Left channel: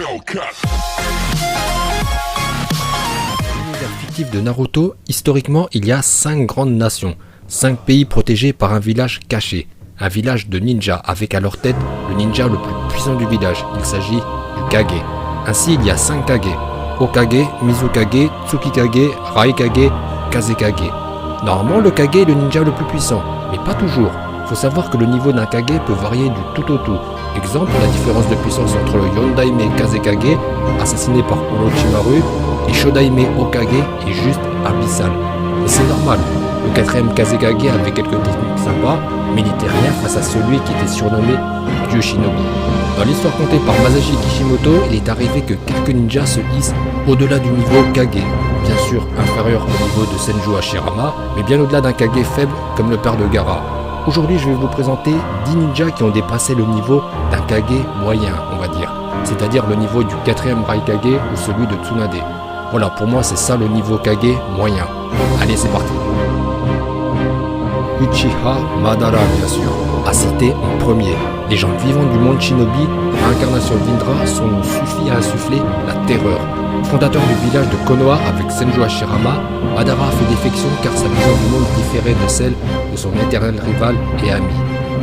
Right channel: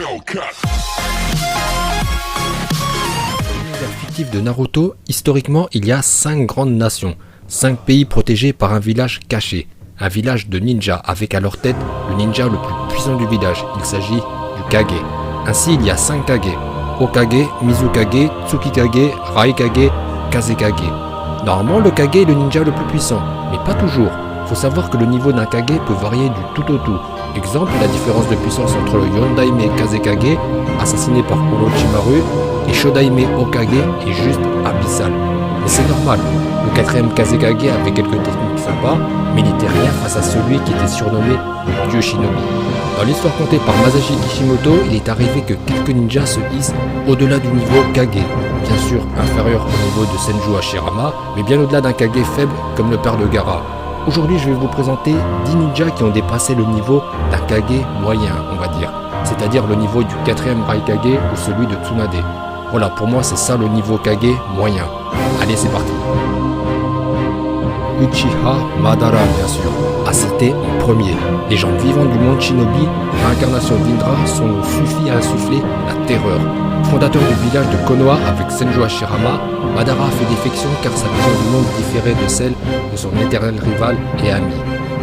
L'univers fictif de Naruto, historiquement, il y a 5 grandes nations, 5 pays protégés par un village caché. Un village de ninjas avec à leur tête le ninja le plus puissant du village, il s'agit du Kage. Ainsi, il y a 5 Kage: Hokage, Mizukage, Tsukikage, Raikage, Kazekage. Normalement, le Kage est le ninja le plus puissant, mais pas toujours. Faut savoir que le niveau d'un Kage peut varier du tout au tout. Exemple, la différence de puissance entre le Yondaime Kazekage, assassiné par Orochimaru, et Shodaime Hokage est juste abyssale. Mais c'est normal, le 4ème Kazekage avait quelques techniques sympas, mais n'était rien face à celui qui était surnommé le dieu shinobi. Dans l'histoire contée par Masashi Kishimoto, il est arrivé que quelques ninjas se hissent au-delà du niveau Kage, bien sûr inférieur au niveau de Senju Hashirama, mais bien au-delà d'un Kage faible comme le père de Gaara. Aujourd'hui, je vais vous présenter 10 ninjas qui ont dépassé le niveau d'un Kage moyen, on va dire, c'est-à-dire le niveau du 4ème Raikage ou celui de Tsunade. Voilà, pour moi c'est ça le niveau Kage moyen. Allez, c'est parti. Uchiha Madara, bien sûr, à citer en premier. Légende vivante du monde shinobi, l'incarnation d'Indra, son nom suffit à insuffler la terreur. Fondateur du village de Konoha avec Senju Hashirama, Madara a fait défection car sa vision du monde différait de celle de son éternel rival et ami.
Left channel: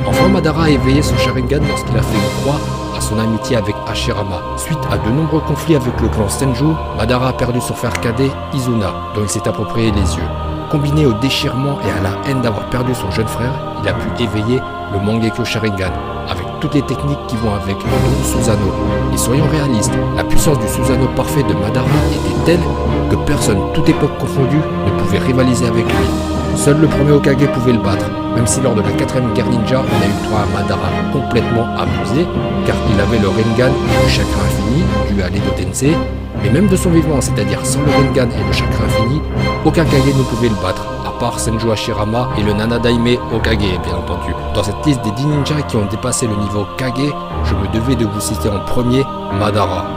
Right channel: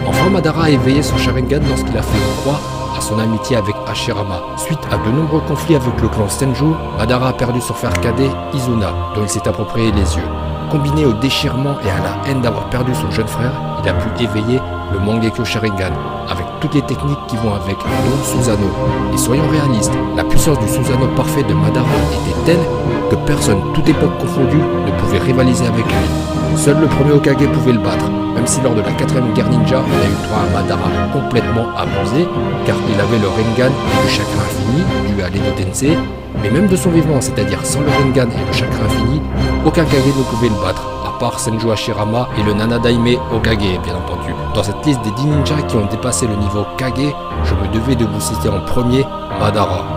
Enfin, Madara a éveillé son Sharingan lorsqu'il a fait une croix à son amitié avec Hashirama. Suite à de nombreux conflits avec le clan Senju, Madara a perdu son frère cadet Izuna, dont il s'est approprié les yeux. Combiné au déchirement et à la haine d'avoir perdu son jeune frère, il a pu éveiller le Mangekyo Sharingan, avec toutes les techniques qui vont avec, dont Susanoo. Et soyons réalistes, la puissance du Susanoo parfait de Madara était telle que personne, toute époque confondue, ne pouvait rivaliser avec lui. Seul le premier Hokage pouvait le battre, même si lors de la 4ème guerre ninja, on a eu le droit à Madara complètement abusé, car il avait le Rinnegan et le chakra infini, dû à l'Edo Tensei, mais même de son vivant, c'est-à-dire sans le Rinnegan et le chakra infini, aucun Kage ne pouvait le battre, à part Senju Hashirama et le Nanadaime Hokage, bien entendu. Dans cette liste des 10 ninjas qui ont dépassé le niveau Kage, je me devais de vous citer en premier Madara.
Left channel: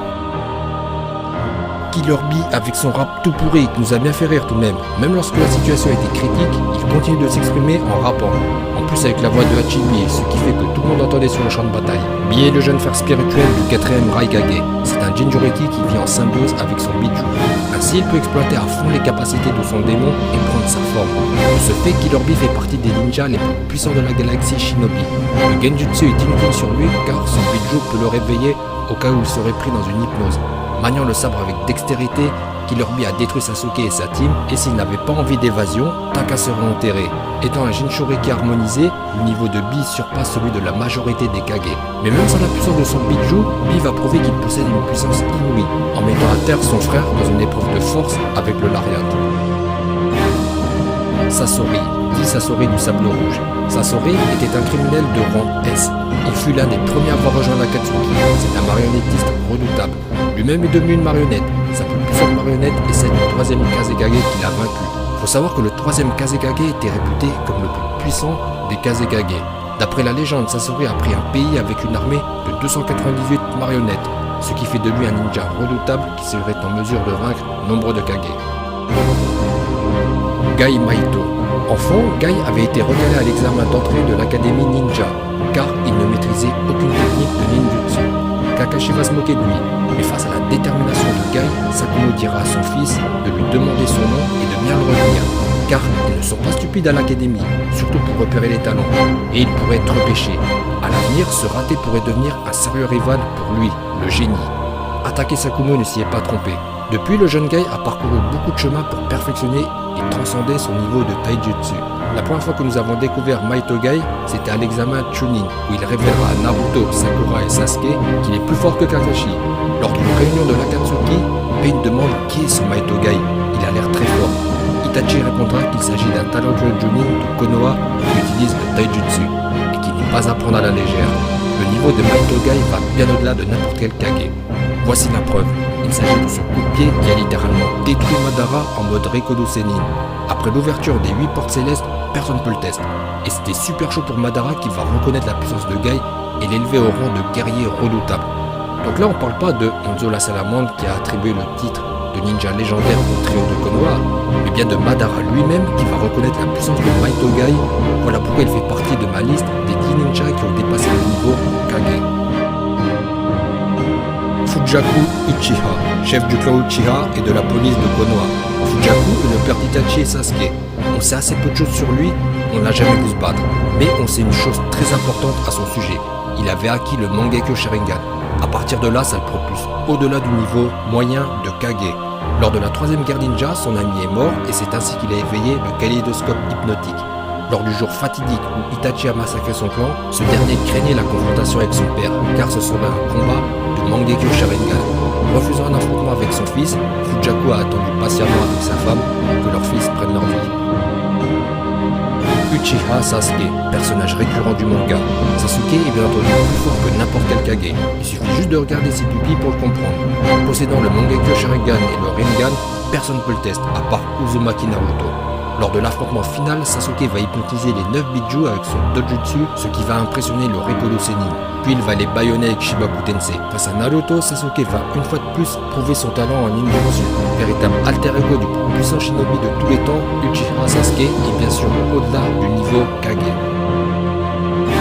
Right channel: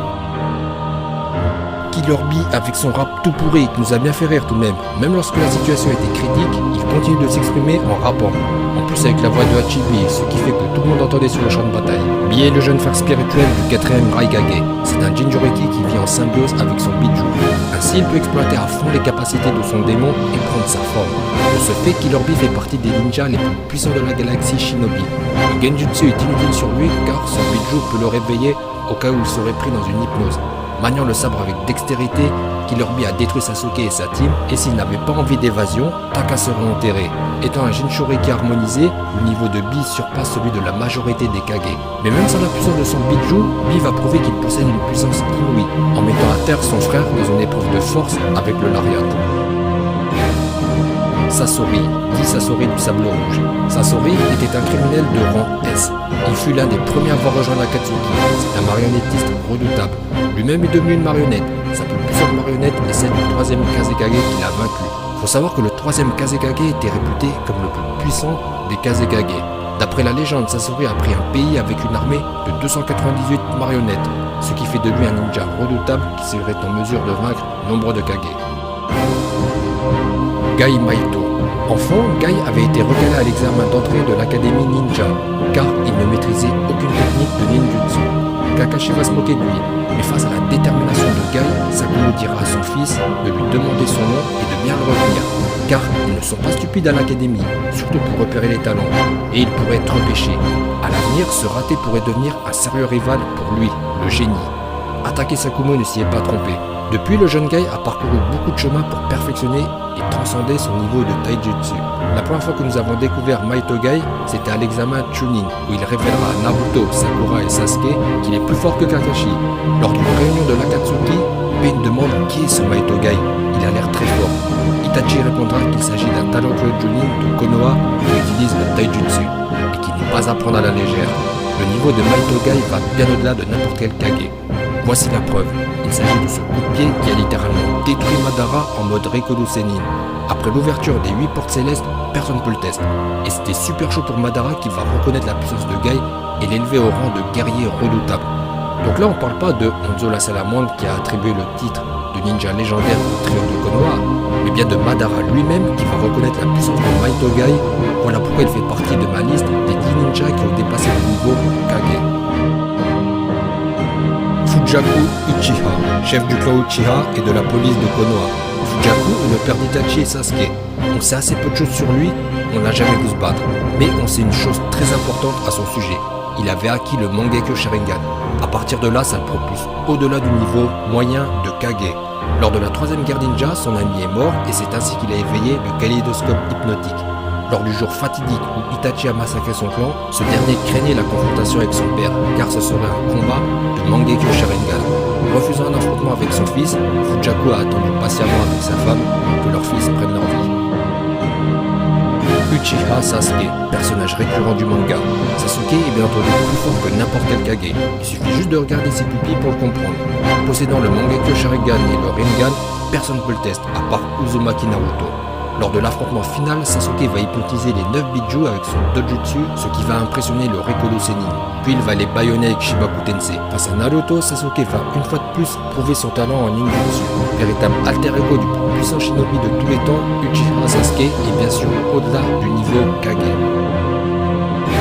Killer Bee avec son rap tout pourri qui nous a bien fait rire tout de même. Même lorsque la situation était critique, il continue de s'exprimer en rappant. En plus avec la voix de Hachibi, ce qui fait que tout le monde entendait sur le champ de bataille. Bee est le jeune frère spirituel du 4ème Raikage. C'est un Jinchuriki qui vit en symbiose avec son Biju. Ainsi, il peut exploiter à fond les capacités de son démon et prendre sa forme. De ce fait, Killer Bee fait partie des ninjas les plus puissants de la galaxie Shinobi. Le Genjutsu est inutile sur lui car son Biju peut le réveiller au cas où il serait pris dans une hypnose. Maniant le sabre avec dextérité, Killer Bee a détruit Sasuke et sa team, et s'il n'avait pas envie d'évasion, Taka serait enterré. Étant un Jinchuriki harmonisé, le niveau de Bee surpasse celui de la majorité des Kage. Mais même sans la puissance de son Biju, Bee va prouver qu'il possède une puissance inouïe, en mettant à terre son frère dans une épreuve de force avec le Lariat. Sasori, dit Sasori du Sable Rouge. Sasori était un criminel de rang S. Il fut l'un des premiers à avoir rejoint l'Akatsuki. C'est un marionnettiste redoutable. Lui-même est devenu une marionnette. Sa plus puissante marionnette est celle du 3ème Kazekage qu'il a vaincu. Faut savoir que le 3ème Kazekage était réputé comme le plus puissant des Kazekage. D'après la légende, Sasori a pris un pays avec une armée de 298 marionnettes, ce qui fait de lui un ninja redoutable qui serait en mesure de vaincre nombre de Kage. Gai Maito. Enfant, Gai avait été recalé à l'examen d'entrée de l'académie ninja, car il ne maîtrisait aucune technique de ninjutsu. Kakashi va se moquer de lui, mais face à la détermination de Gai, Sakumo dira à son fils de lui demander son nom et de bien le retenir, car ils ne sont pas stupides à l'académie, surtout pour repérer les talents, et il pourrait être repêché. À l'avenir, ce raté pourrait devenir un sérieux rival pour lui, le génie. Attaquer Sakumo ne s'y est pas trompé. Depuis, le jeune Gai a parcouru beaucoup de chemin pour perfectionner et transcender son niveau de taijutsu. La première fois que nous avons découvert Maito Gai, c'était à l'examen Chunin, où il révélera à Naruto, Sakura et Sasuke qu'il est plus fort que Kakashi. Lors d'une réunion de l'Akatsuki, Pain demande qui est ce Maito Gai. Il a l'air très fort. Itachi répondra qu'il s'agit d'un talentueux Chunin de Konoha qui utilise le taijutsu et qui n'est pas à prendre à la légère. Le niveau de Maito Gai va bien au-delà de n'importe quel Kage. Voici la preuve. Il s'agit de ce coup de pied qui a littéralement détruit Madara en mode Reikodo Sennin. Après l'ouverture des 8 portes célestes, personne ne peut le tester. Et c'était super chaud pour Madara qui va reconnaître la puissance de Gai et l'élever au rang de guerrier redoutable. Donc là on parle pas de Hanzo la Salamandre qui a attribué le titre de ninja légendaire au trio de Konoha, mais bien de Madara lui-même qui va reconnaître la puissance de Maito Gai. Voilà pourquoi il fait partie de ma liste des 10 ninjas qui ont dépassé le niveau Kage. Fujaku Uchiha, chef du clan Uchiha et de la police de Konoha. Fujaku est le père d'Itachi et Sasuke. On sait assez peu de choses sur lui, on ne l'a jamais vu se battre. Mais on sait une chose très importante à son sujet. Il avait acquis le Mangekyo Sharingan. A partir de là, ça le propulse au-delà du niveau moyen de Kage. Lors de la troisième guerre ninja, son ami est mort et c'est ainsi qu'il a éveillé le kaléidoscope hypnotique. Lors du jour fatidique où Itachi a massacré son clan, ce dernier craignait la confrontation avec son père, car ce serait un combat de Mangekyo Sharingan. Refusant un affrontement avec son fils, Fujaku a attendu patiemment avec sa femme que leur fils prenne leur vie. Uchiha Sasuke, personnage récurrent du manga. Sasuke est bien entendu plus fort que n'importe quel Kage. Il suffit juste de regarder ses pupilles pour le comprendre. Possédant le Mangekyo Sharingan et le Rinnegan, personne ne peut le tester, à part Uzumaki Naruto. Lors de l'affrontement final, Sasuke va hypnotiser les 9 Biju avec son Dojutsu, ce qui va impressionner le Rikodo Sennin. Puis il va les bâillonner avec Shibaku Tensei. Face à Naruto, Sasuke va une fois de plus prouver son talent en ninjutsu. Véritable alter ego du plus puissant shinobi de tous les temps, Uchiha Sasuke est bien sûr au-delà du niveau Kage.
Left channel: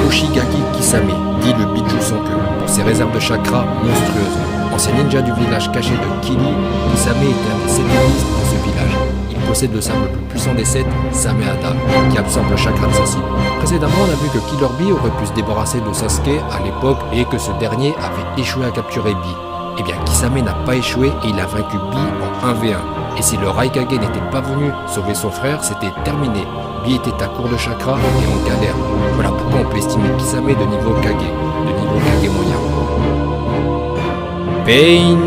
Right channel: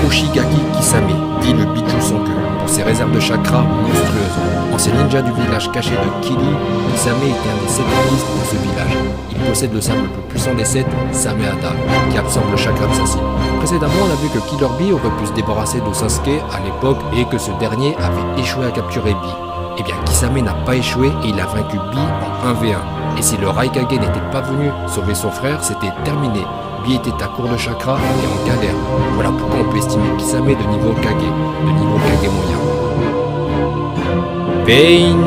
Hoshigaki Kisame, dit le Biju sans queue, pour ses réserves de chakra monstrueuses. Ancien ninja du village caché de Kili, Kisame était un des 7 églises de ce village. Il possède le sabre le plus puissant des 7, Sameada, qui absorbe le chakra de sa cible. Précédemment, on a vu que Killer Bee aurait pu se débarrasser de Sasuke à l'époque et que ce dernier avait échoué à capturer Bee. Eh bien, Kisame n'a pas échoué et il a vaincu Bee en 1v1. Et si le Raikage n'était pas venu sauver son frère, c'était terminé. Bee était à court de chakra et en galère. Voilà pourquoi on peut estimer Kisame de niveau Kage moyen. Pain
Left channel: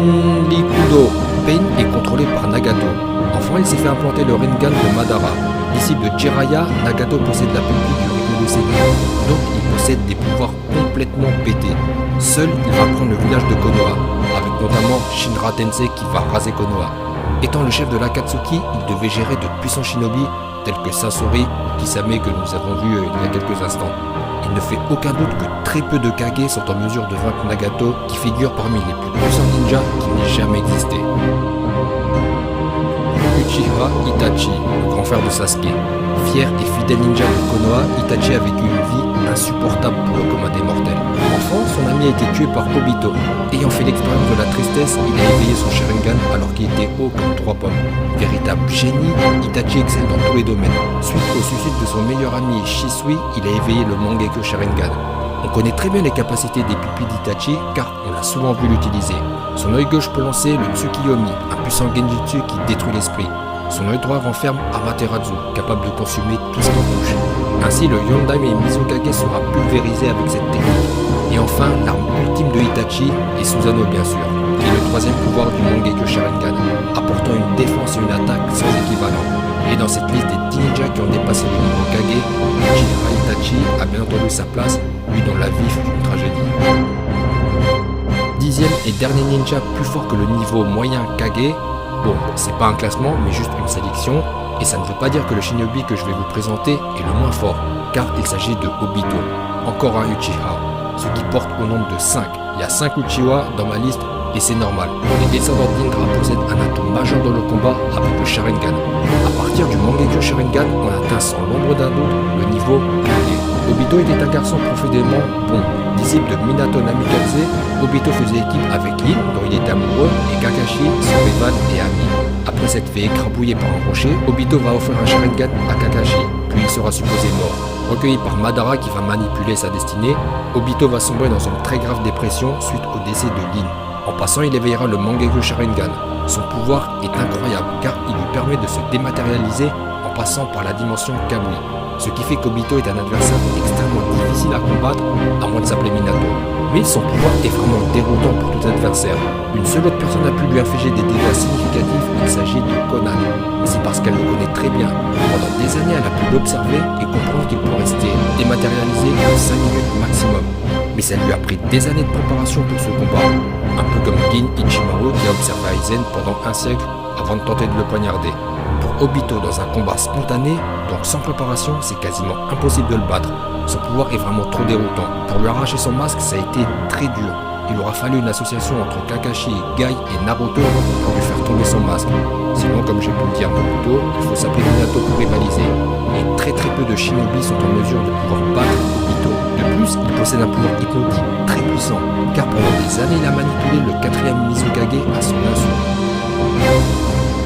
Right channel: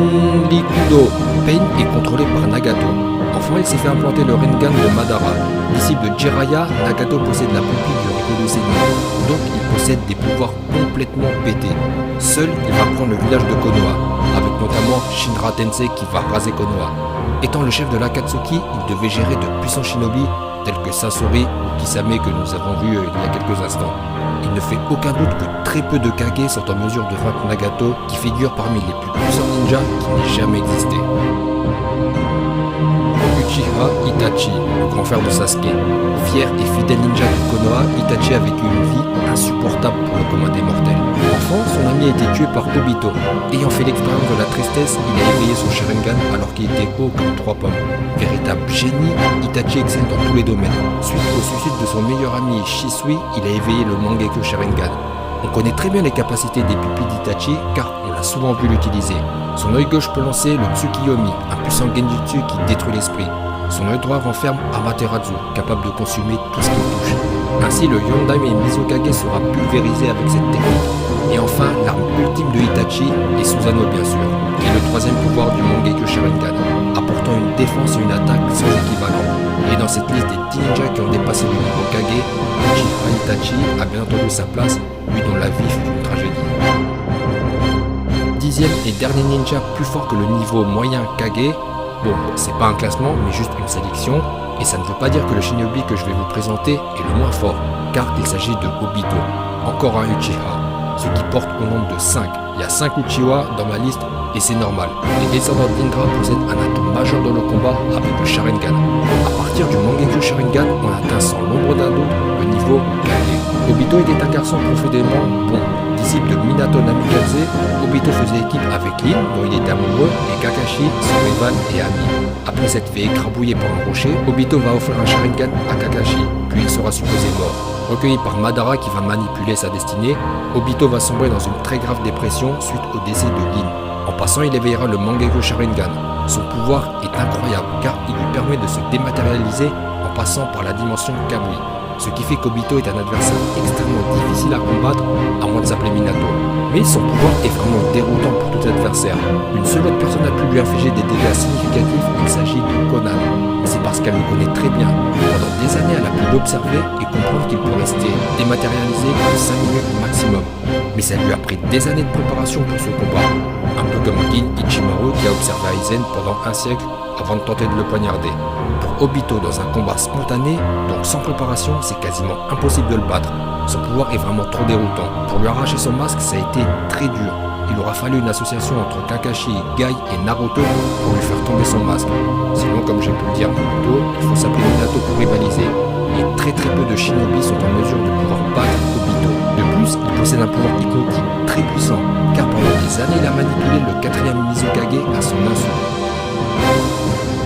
Rikudo. Pain est contrôlé par Nagato. Enfant, il s'est fait implanter le Rinnegan de Madara. Disciple de Jiraiya, Nagato possède la pupille du Rikodo Sennin. Donc il possède des pouvoirs complètement pétés. Seul, il va prendre le village de Konoha, avec notamment Shinra Tensei qui va raser Konoha. Étant le chef de l'Akatsuki, il devait gérer de puissants shinobi tels que Sasori ou Kisame que nous avons vu il y a quelques instants. Il ne fait aucun doute que très peu de Kage sont en mesure de vaincre Nagato, qui figure parmi les plus puissants ninjas qui n'aient jamais existé. Uchiha Itachi, le grand frère de Sasuke. Fier et fidèle ninja de Konoha, Itachi a vécu une vie insupportable pour le commun des mortels. Enfant, son ami a été tué par Obito. Ayant fait l'expérience de la tristesse, il a éveillé son Sharingan alors qu'il était haut comme 3 pommes. Véritable génie, Itachi excelle dans tous les domaines. Suite au suicide de son meilleur ami Shisui, il a éveillé le Mangekyo Sharingan. On connaît très bien les capacités des pupilles d'Itachi car on l'a souvent vu l'utiliser. Son œil gauche peut lancer le Tsukiyomi, un puissant genjutsu qui détruit l'esprit. Son œil droit renferme Amaterasu, capable de consumer tout ce qu'il touche. Ainsi, le Yondaime Mizukage sera pulvérisé avec cette technique. Et enfin, l'arme ultime de Itachi est Susanoo bien sûr, qui est le troisième pouvoir du Mangekyo Sharingan, apportant une défense et une attaque sans équivalent. Et dans cette liste des 10 ninjas qui ont dépassé le niveau Kage, Uchiha Itachi a bien entendu sa place, lui dont la vie fut une tragédie. 10e et dernier ninja plus fort que le niveau moyen Kage. Bon, c'est pas un classement, mais juste une sélection, et ça ne veut pas dire que le shinobi que je vais vous présenter est le moins fort, car il s'agit de Obito, encore un Uchiha, ce qui porte au nombre de 5. Il y a 5 Uchiha dans ma liste, et c'est normal. Les descendants d'Indra possèdent un atout majeur dans le combat avec le Sharingan. À partir du Mangekyo Sharingan, on atteint sans l'ombre d'un doute le niveau Kage. Obito était un garçon profondément bon. Disciple de Minato Namikaze, Obito faisait équipe avec Lin, dont il était amoureux, et Kakashi, son rival et ami. Après s'être fait écrabouiller par un rocher, Obito va offrir un Sharingan à Kakashi, puis il sera supposé mort. Recueilli par Madara qui va manipuler sa destinée, Obito va sombrer dans une très grave dépression suite au décès de Lin. En passant, il éveillera le Mangekyo Sharingan. Son pouvoir est incroyable car il lui permet de se dématérialiser en passant par la dimension Kamui. Ce qui fait qu'Obito est un adversaire extrêmement difficile à combattre, à moins de s'appeler Minato. Mais son pouvoir est vraiment déroutant pour tout adversaire. Une seule autre personne a pu lui infliger des dégâts significatifs, il s'agit de Conan. Mais c'est parce qu'elle le connaît très bien. Pendant des années, elle a pu l'observer et comprendre qu'il peut rester dématérialisé que 5 minutes maximum. Mais ça lui a pris des années de préparation pour ce combat. Un peu comme Gin Ichimaru qui a observé Aizen pendant un siècle avant de tenter de le poignarder. Pour Obito, dans un combat spontané, donc sans préparation, c'est quasiment impossible de le battre. Son pouvoir est vraiment trop déroutant. Pour lui arracher son masque, ça a été très dur. il aura fallu une association entre Kakashi, Guy et Naruto pour lui faire tomber son masque. Sinon, comme j'ai pu le dire un peu plus tôt, il faut s'appeler Minato pour rivaliser. Et très peu de shinobi sont en mesure de pouvoir battre Obito. De plus, il possède un pouvoir hypnotique très puissant, car pendant des années il a manipulé le 4e Mizukage à son insu.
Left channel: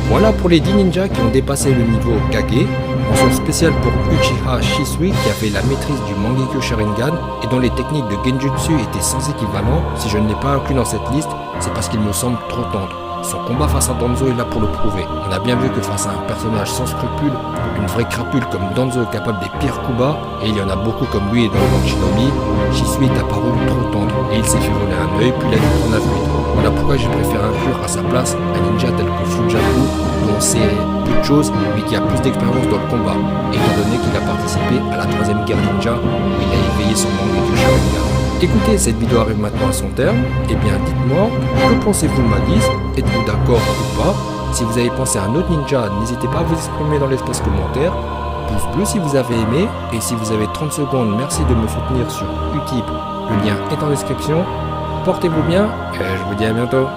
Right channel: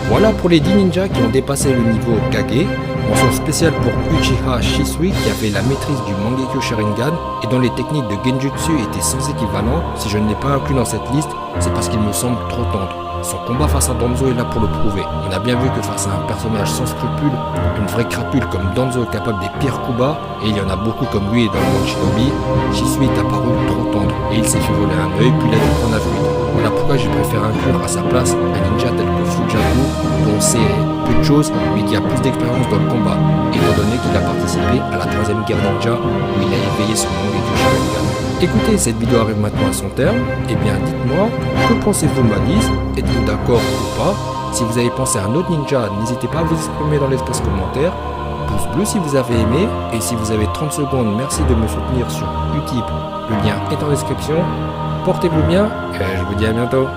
Voilà pour les 10 ninjas qui ont dépassé le niveau Kage. Mention spéciale pour Uchiha Shisui qui avait la maîtrise du Mangekyo Sharingan et dont les techniques de Genjutsu étaient sans équivalent. Si je ne l'ai pas inclus dans cette liste, c'est parce qu'il me semble trop tendre. Son combat face à Danzo est là pour le prouver. On a bien vu que face à un personnage sans scrupules, une vraie crapule comme Danzo est capable des pires coups bas, et il y en a beaucoup comme lui et dans le monde shinobi, Shisui est apparu trop tendre et il s'est fait voler un œil puis il a dû prendre la fuite. Voilà pourquoi j'ai préféré inclure à sa place un ninja tel que Fujaku, dont on sait peu de choses mais qui a plus d'expérience dans le combat, étant donné qu'il a participé à la 3e guerre ninja où il a éveillé son Mangekyo Sharingan. Écoutez, cette vidéo arrive maintenant à son terme, et bien dites-moi, que pensez-vous de ma liste? Êtes-vous d'accord ou pas? Si vous avez pensé à un autre ninja, n'hésitez pas à vous exprimer dans l'espace commentaire. Pouce bleu si vous avez aimé, et si vous avez 30 secondes, merci de me soutenir sur Utip, le lien est en description. Portez-vous bien, et je vous dis à bientôt.